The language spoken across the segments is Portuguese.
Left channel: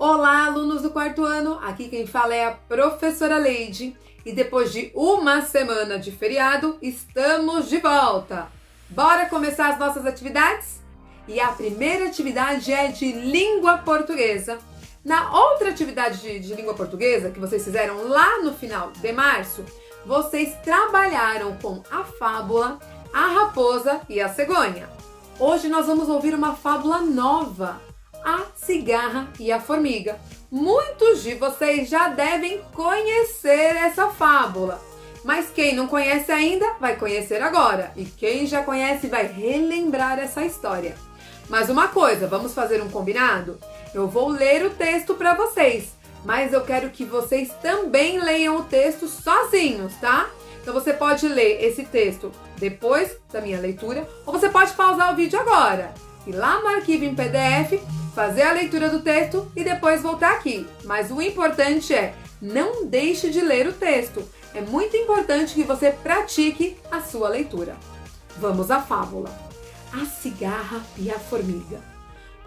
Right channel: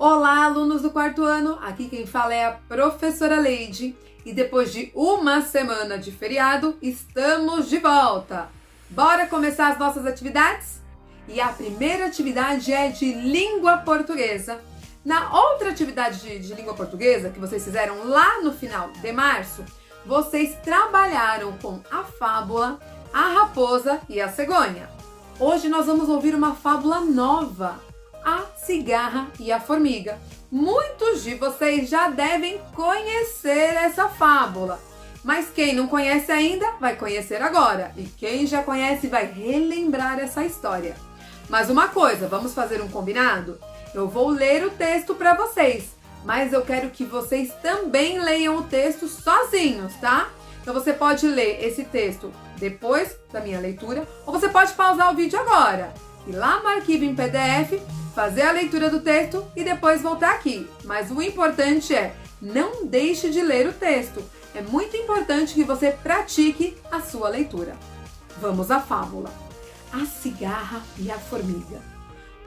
Olá, alunos do quarto ano! Aqui quem fala é a professora Leide e depois de uma semana de feriado, estamos de volta! Bora começar as nossas atividades? E a primeira atividade é de língua portuguesa. Na outra atividade de língua portuguesa que vocês fizeram lá no final de março, vocês trabalharam com a fábula, a raposa e a cegonha. Hoje nós vamos ouvir uma fábula nova, a cigarra e a formiga. Muitos de vocês já devem conhecer essa fábula, mas quem não conhece ainda vai conhecer agora, e quem já conhece vai relembrar essa história. Mas uma coisa, vamos fazer um combinado? Eu vou ler o texto para vocês, mas eu quero que vocês também leiam o texto sozinhos, tá? Então você pode ler esse texto depois da minha leitura, ou você pode pausar o vídeo agora, ir lá no arquivo em PDF, fazer a leitura do texto e depois voltar aqui. Mas o importante é, não deixe de ler o texto. É muito importante que você pratique a sua leitura. Vamos à fábula. A cigarra e a formiga.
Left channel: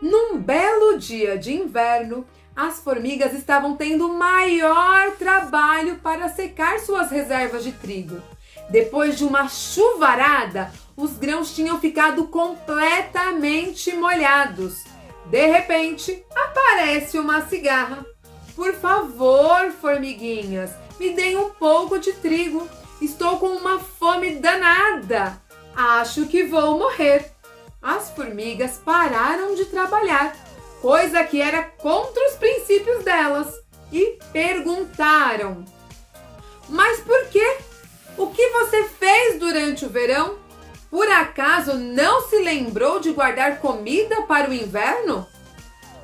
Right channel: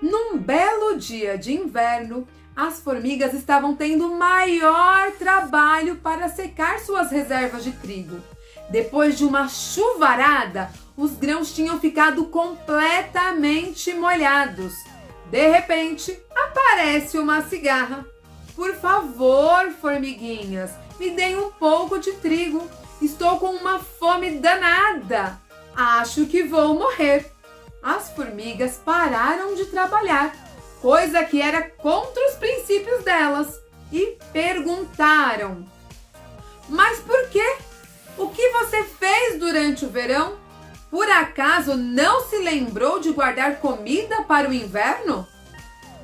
Num belo dia de inverno, as formigas estavam tendo maior trabalho para secar suas reservas de trigo. Depois de uma chuvarada, os grãos tinham ficado completamente molhados. De repente, aparece uma cigarra. Por favor, formiguinhas, me deem um pouco de trigo. Estou com uma fome danada. Acho que vou morrer. As formigas pararam de trabalhar, coisa que era contra os princípios delas, e perguntaram: mas por quê? O que você fez durante o verão? Por acaso não se lembrou de guardar comida para o inverno?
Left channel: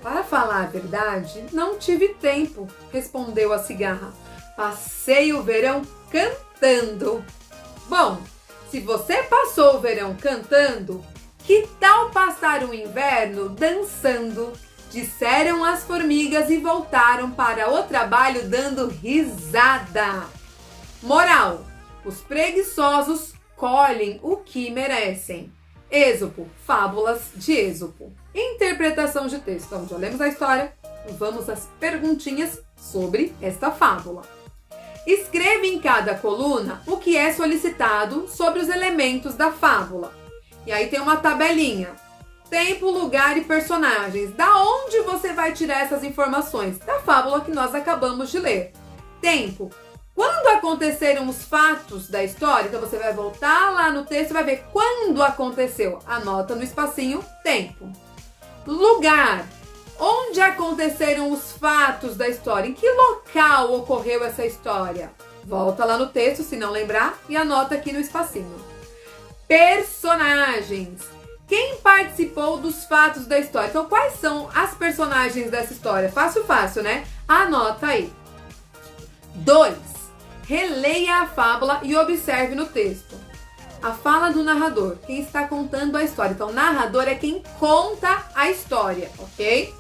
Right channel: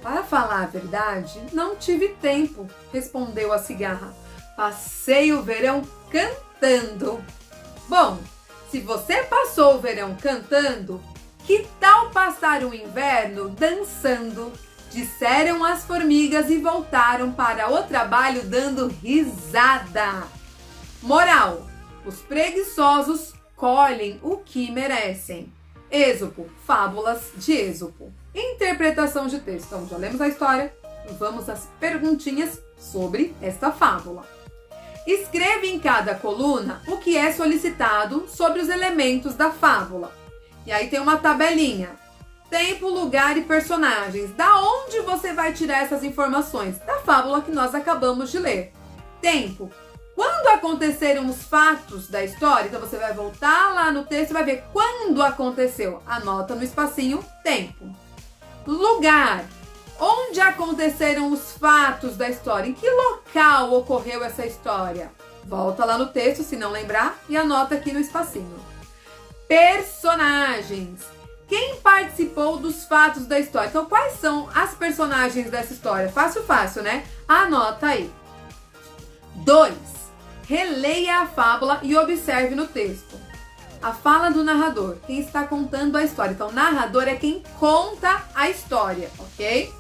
Para falar a verdade, não tive tempo, respondeu a cigarra. Passei o verão cantando. Bom, se você passou o verão cantando, que tal passar o inverno dançando? Disseram as formigas e voltaram para o trabalho dando risada. Moral: os preguiçosos colhem o que merecem. Êxopo, fábulas de Êxopo. Interpretação de texto. Então, já lemos a história e vamos às perguntinhas sobre esta fábula. Escreva em cada coluna o que é solicitado sobre os elementos da fábula. E aí tem uma tabelinha. Tempo, lugar e personagens. Da onde você vai tirar essas informações? Da fábula que nós acabamos de ler. Tempo. Quando aconteceram os fatos da história, então você vai voltar lá no texto e vai ver quando aconteceu. Anota no espacinho tempo. Lugar. Onde aconteceram os fatos da história? Em que local ocorreu essa história? Volta lá no texto, se não lembrar, e anota aqui no espacinho. Personagens. Quem participou dos fatos da história? Então, quais são as personagens dessa história? Fácil, fácil, né? Anota aí. 2. Releia a fábula e observe no texto. A fala do narrador, quem está contando a história. Então, o narrador é quem conta a história, ok?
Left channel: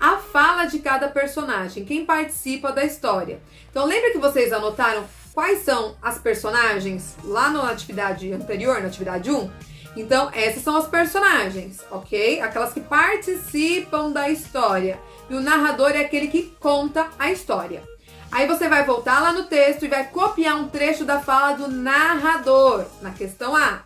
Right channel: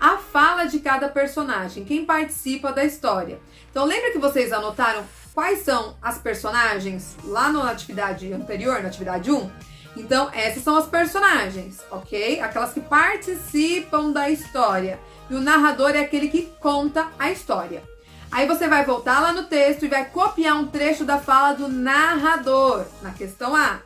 A fala de cada personagem, quem participa da história. Então, lembra que vocês anotaram quais são as personagens lá na atividade anterior, na atividade 1? Então, essas são as personagens, ok? Aquelas que participam da história. E o narrador é aquele que conta a história. Aí você vai voltar lá no texto e vai copiar um trecho da fala do narrador, na questão A.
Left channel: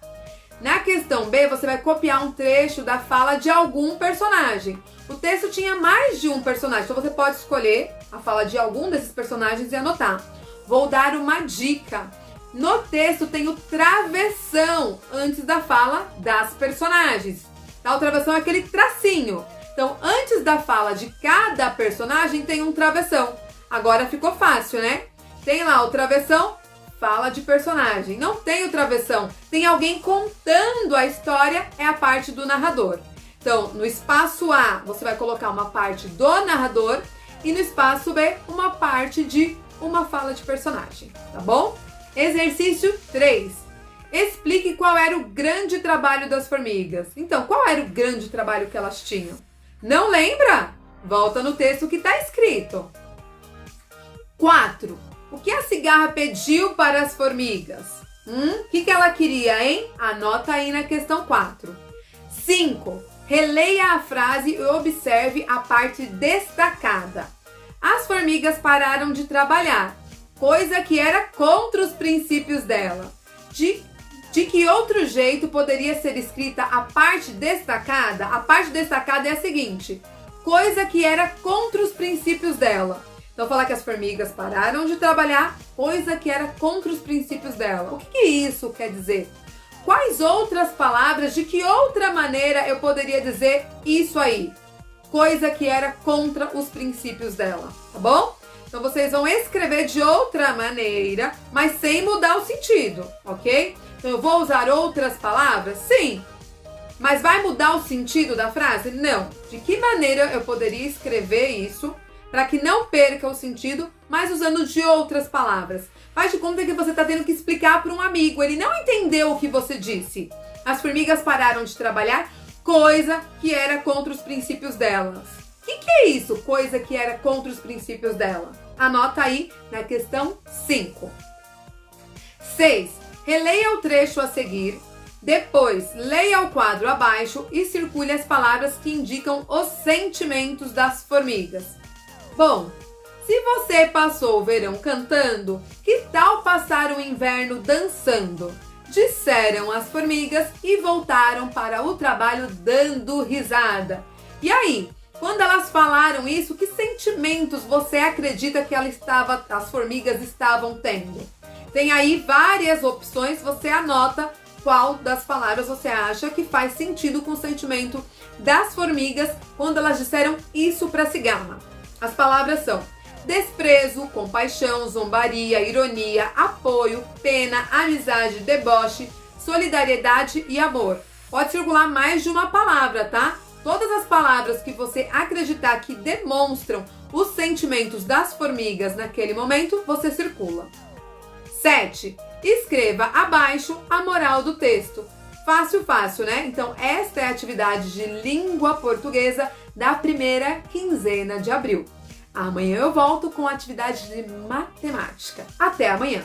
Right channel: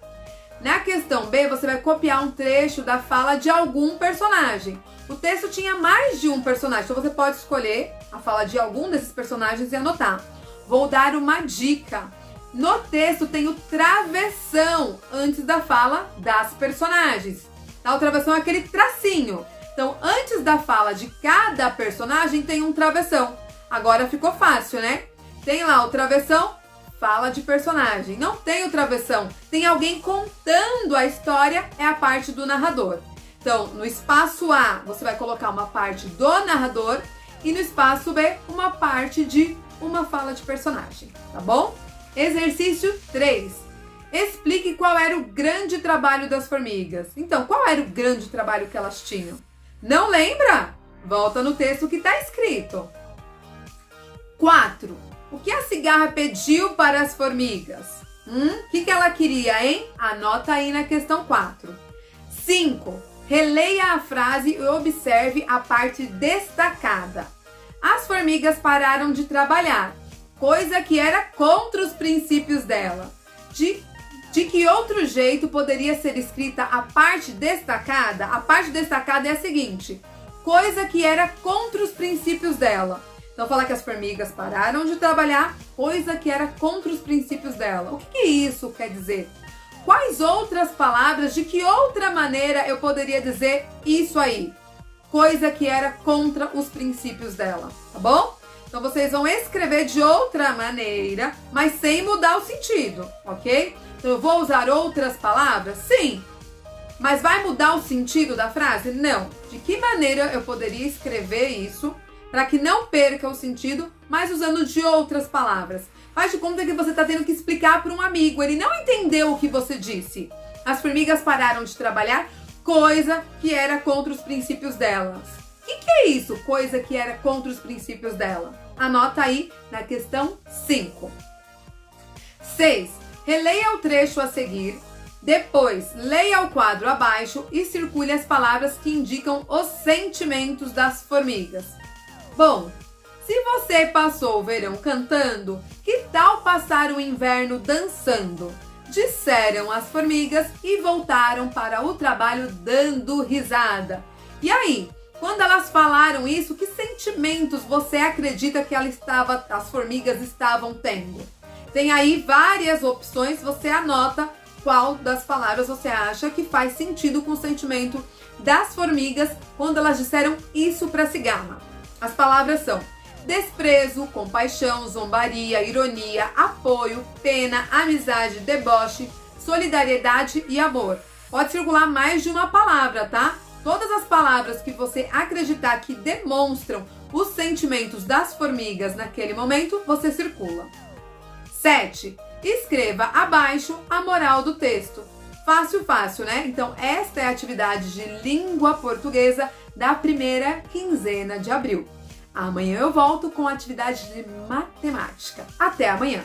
Na questão B, você vai copiar um trecho da fala de algum personagem. O texto tinha mais de um personagem, então você pode escolher a fala de algum desses personagens e anotar. Vou dar uma dica. No texto tem o travessão antes da fala das personagens. Tá? O travessão é aquele tracinho. Então, antes da fala de cada personagem tem um travessão. Agora ficou fácil, né? Tem lá o travessão, fala de personagem. Não tem o travessão, tem alguém contando a história, é a parte do narrador. Então, no espaço A, você vai colocar uma parte do narrador e no espaço B, uma parte de uma fala de personagem, tá bom? Exercício 3. Explique qual era o grande trabalho das formigas. Então, qual era o grande trabalho que elas tinham? Não lembra? Volta no texto que está escrito. 4. O que a cigarra pediu para as formigas? O que ela queria, hein? Anota aí na questão 4. 5. Releia a frase e observe a parte destacada. As formigas pararam de trabalhar, coisa que era contra os princípios dela. De que outro jeito poderia ser escrita a parte destacada? A parte destacada é a seguinte: coisa que era contra os princípios dela. Então, falar que as formigas pararam de trabalhar, coisa que era contra os princípios dela. O que isso quer dizer? Quais outras palavras, de que outra maneira eu poderia dizer isso aí? Coisa que era contra os princípios dela, tá bom? Então, vocês vão escrever de outra maneira, mas sem mudar o sentido, ok? Então, eu vou usar outras palavras? Sim. Mas vai mudar o sentido da frase? Não. De que maneira eu poderia escrever isso para que não perca o sentido, mas usando de outras palavras? Faz de conta que você está tendo que explicar para um amigo. Ele não entendeu o que você disse. As formigas pararam de trabalhar, coisa que era contra os princípios delas. O que é isso? Coisa que era contra os princípios dela. Anota aí na questão 5. 6. Releia o trecho a seguir. Depois, leia o quadro abaixo e circule as palavras que indicam os sentimentos das formigas. Bom, se você passou o verão cantando, que tal passar o inverno dançando? Disseram as formigas e voltaram para o trabalho dando risada. E aí, quando elas falaram isso, que sentimentos você acredita que as formigas estavam tendo? Tem aí várias opções, você anota qual das palavras você acha que faz sentido com o sentimento das formigas quando elas disseram isso para a cigana. As palavras são desprezo, compaixão, zombaria, ironia, apoio, pena, amizade, deboche, solidariedade e amor. Pode circular mais de uma palavra, tá? Todas as palavras que você acreditar que demonstram os sentimentos das formigas naquele momento, você circula. 7. Escreva abaixo a moral do texto. Fácil, fácil, né? Então, esta é a atividade de língua portuguesa da primeira quinzena de abril. Amanhã eu volto com a atividade de matemática. Até amanhã!